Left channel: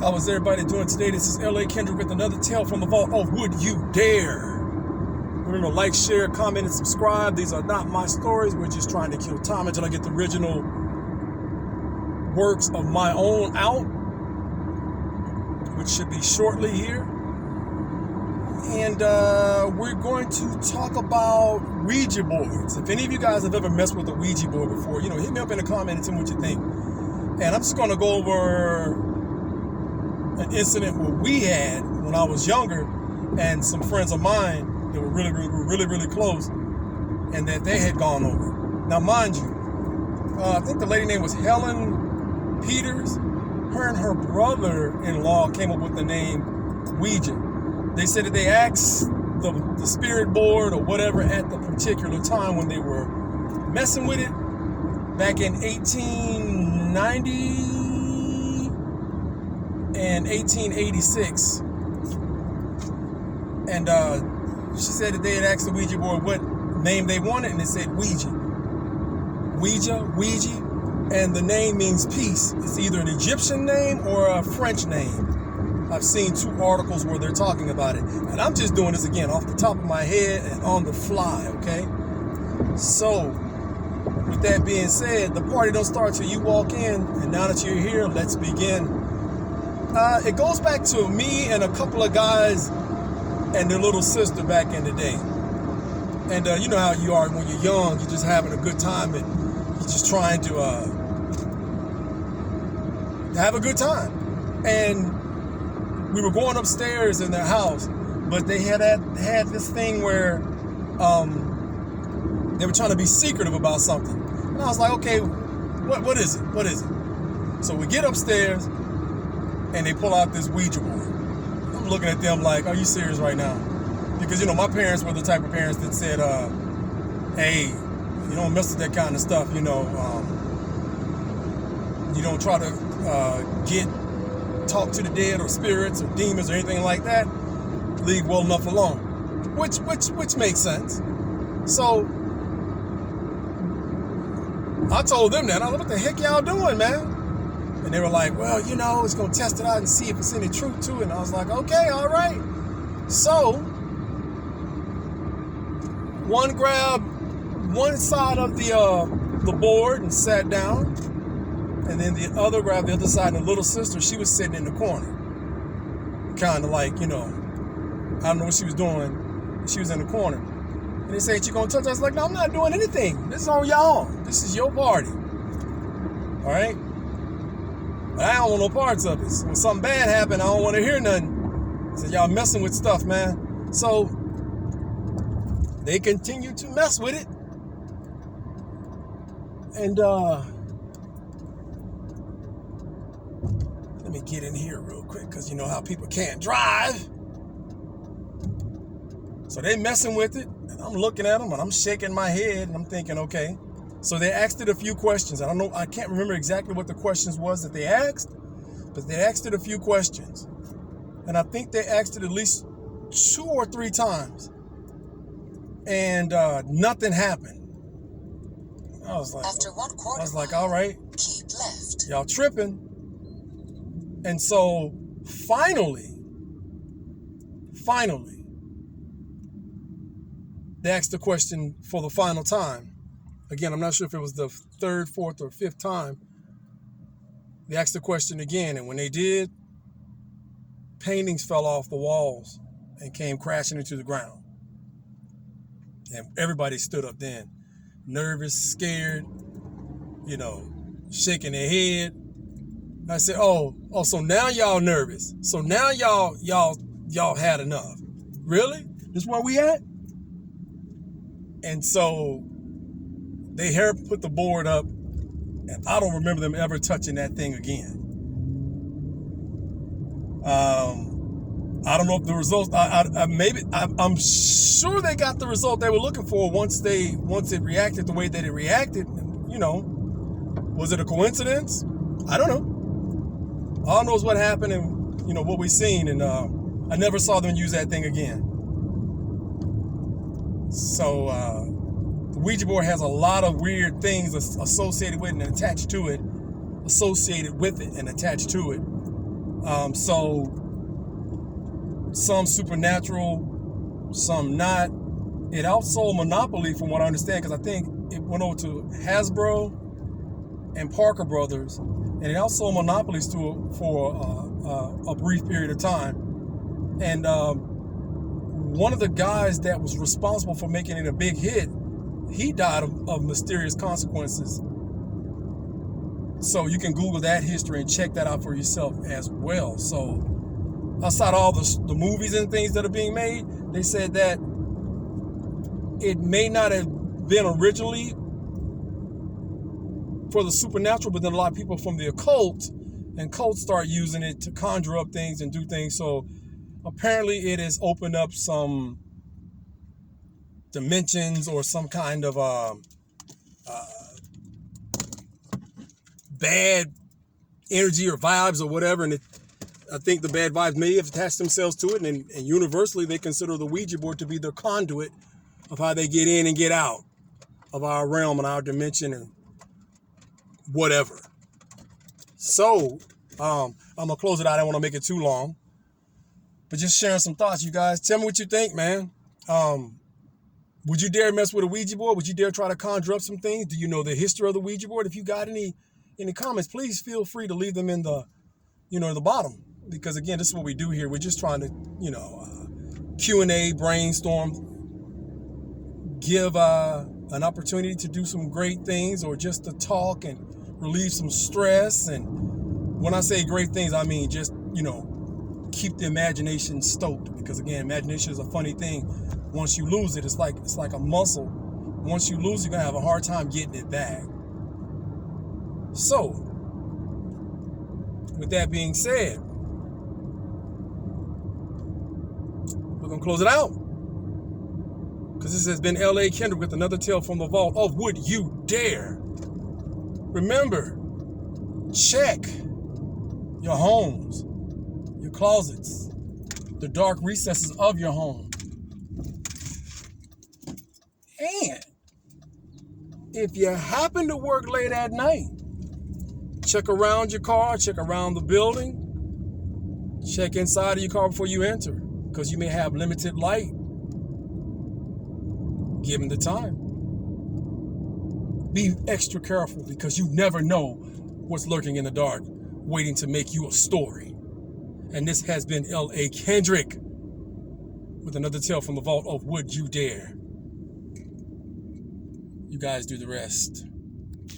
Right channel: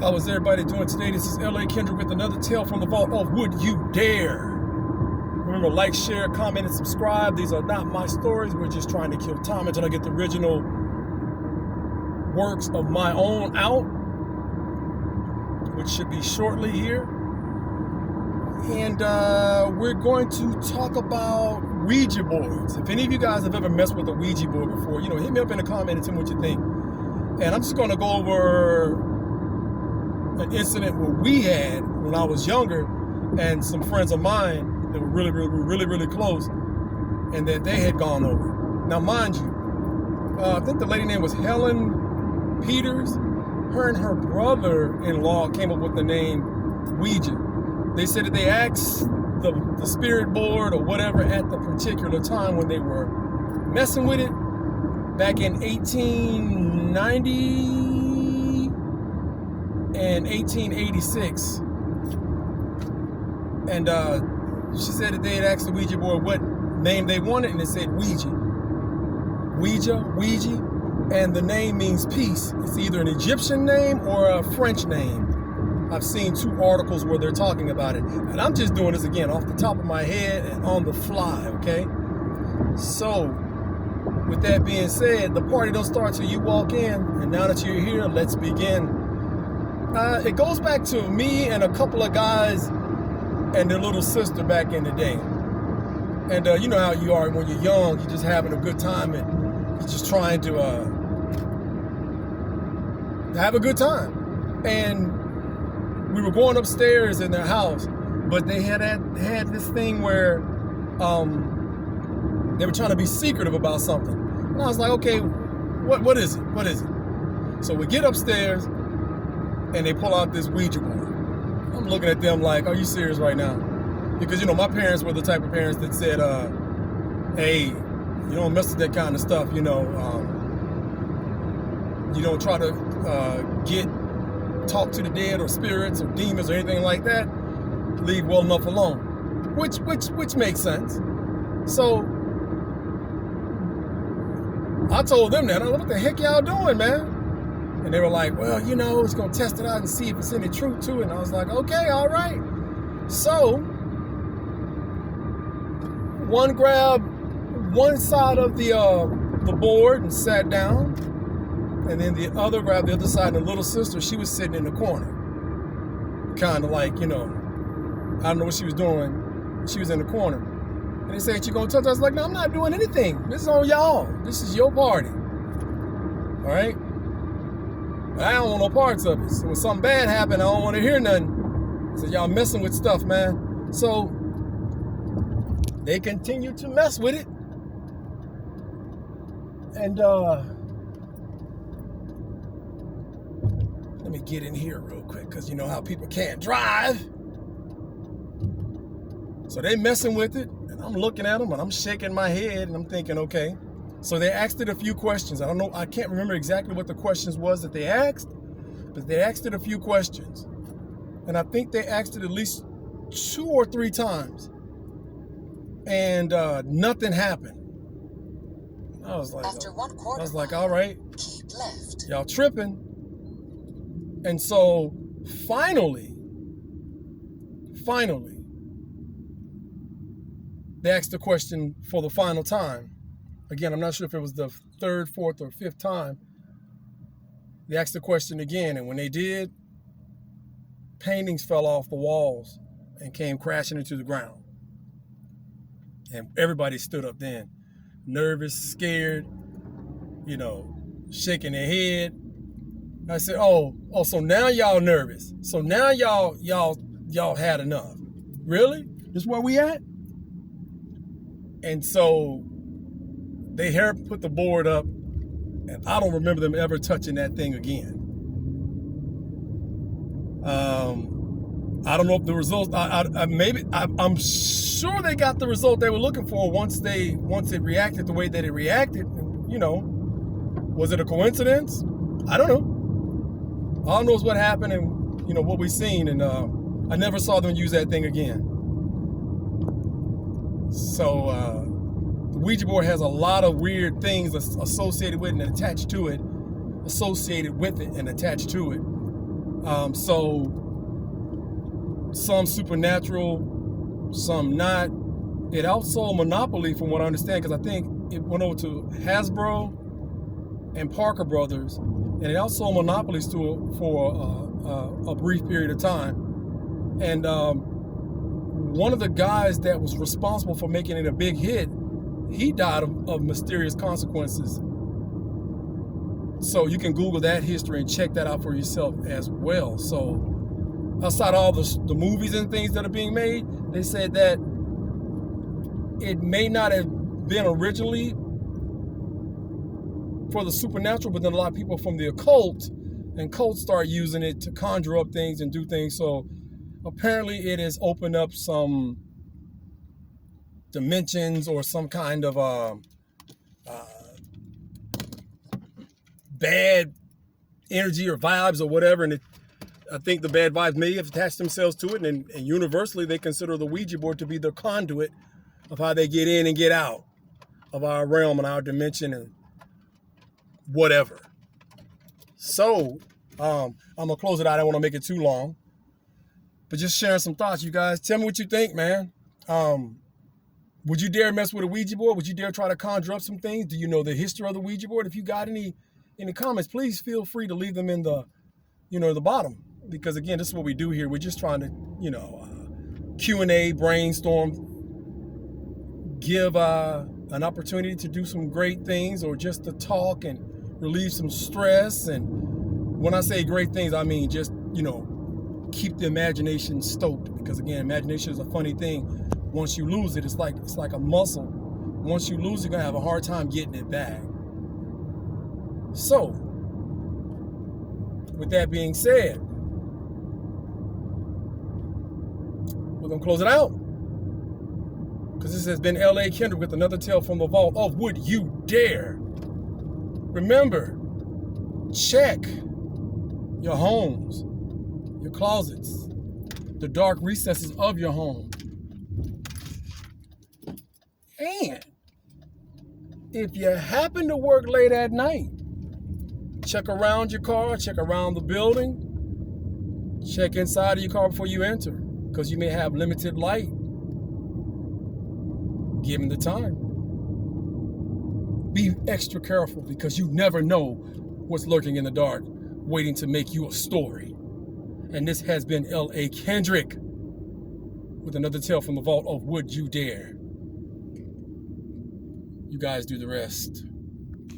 How is everybody doing today? This is L.A.Kendrick with another tale from the vault of Would You Dare? Remember, like, share, comment, and subscribe. These are not my stories. We're just trying to kill time until I get the original works of my own out, which should be shortly here. And we're going to talk about Ouija boards. If any of you guys have ever messed with a Ouija board before, hit me up in the comment and tell me what you think. And I'm just going to go over an incident where we had when I was younger, and some friends of mine that were really close, and that they had gone over. Now, mind you, I think the lady name was Helen Peters. Her and her brother-in-law came up with the name Ouija. They said that they asked the spirit board or whatever at the particular time when they were messing with it back in 1890 and 1886. And she said that they had asked the Ouija board what name they wanted, and it said Ouija. Ouija, and the name means peace. It's either an Egyptian name or a French name. I've seen 2 articles where they're talking about it. And I'm just doing this again off the top of my head and on the fly, okay? So, with that being said, the party don't start till you walk in. And now that you're here, let's begin. It goes back to me and a couple of guys and their little sister back in the day. And you know how you are when you're young. You're just having a good time and you're just trying to have a good time. And we were going upstairs in their house, but they had this thing where they were trying to be secretive about something. And I was like, okay, what is it? What is it? So we get upstairs, and they pull out this Ouija board. I'm looking at them like, are you serious right now? Because, my parents were the type of parents that said, hey, you don't mess with that kind of stuff, you don't try to talk to the dead or spirits or demons or anything like that. Leave well enough alone, which makes sense. So I told them that. I was like, what the heck y'all doing, man? And they were like, well, it's going to test it out and see if it's any truth to it. And I was like, okay, all right. So one grabbed one side of the board and sat down. And then the other grabbed the other side, and the little sister, she was sitting in the corner. Kind of like, I don't know what she was doing. She was in the corner. And they said, you gonna touch us? I was like, no, I'm not doing anything. This is on y'all. This is your party. All right? But I don't want no parts of it. So when something bad happened, I don't want to hear nothing. I said, y'all messing with stuff, man. So they continued to mess with it. And, let me get in here real quick, because you know how people can't drive. So they messing with it, and I'm looking at them, and I'm shaking my head, and I'm thinking, okay. So they asked it a few questions. I can't remember exactly what the questions was that they asked, but they asked it a few questions. And I think they asked it at least 2 or 3 times. And nothing happened. I was like, all right, keep left. Y'all tripping. And so finally, they asked the question for the final time. Again, I'm not sure if it was the 3rd, 4th, or 5th time. They asked the question again, and when they did, paintings fell off the walls and came crashing into the ground. And everybody stood up then, nervous, scared, shaking their head. I said, oh, so now y'all nervous. So now y'all had enough. Really? This where we at? And so they put the board up, and I don't remember them ever touching that thing again. I don't know if the results, I'm sure they got the result they were looking for once it reacted the way that it reacted. Was it a coincidence? I don't know. All I know is what happened and, what we seen. And I never saw them use that thing again. So the Ouija board has a lot of weird things associated with it and attached to it. So some supernatural, some not. It outsold Monopoly, from what I understand, because I think it went over to Hasbro and Parker Brothers, and it outsold Monopolies for a brief period of time. And one of the guys that was responsible for making it a big hit, he died of mysterious consequences. So you can Google that history and check that out for yourself as well. So outside all the movies and things that are being made, they said that it may not have been originally for the supernatural, but then a lot of people from the occult and cults start using it to conjure up things and do things. So apparently it has opened up some dimensions or some kind of bad energy or vibes or whatever, and I think the bad vibes may have attached themselves to it, and universally they consider the Ouija board to be the conduit of how they get in and get out of our realm and our dimension and whatever. So I'm gonna close it out. I don't want to make it too long, but just sharing some thoughts, you guys. Tell me what you think, man. Would you dare mess with a Ouija board? Would you dare try to conjure up some things? Do you know the history of the Ouija board? If you got any comments, please feel free to leave them in the the bottom, because again, this is what we do here. We're just trying to Q&A, brainstorm, give an opportunity to do some great things, or just to talk and relieve some stress. And when I say great things, I mean just keep the imagination stoked, because again, imagination is a funny thing. Once you lose it, it's like a muscle. Once you lose it, you're gonna have a hard time getting it back. So with that being said, we're gonna close it out, because this has been L.A.Kendrick with another tale from the vault of Would You Dare. Remember, check your homes, your closets, the dark recesses of your home. And if you happen to work late at night, check around your car, check around the building, check inside of your car before you enter, because you may have limited light given the time. Be extra careful, because you never know what's lurking in the dark, waiting to make you a story. And this has been L.A.Kendrick with another tale from the vault of Would You Dare. You guys do the rest.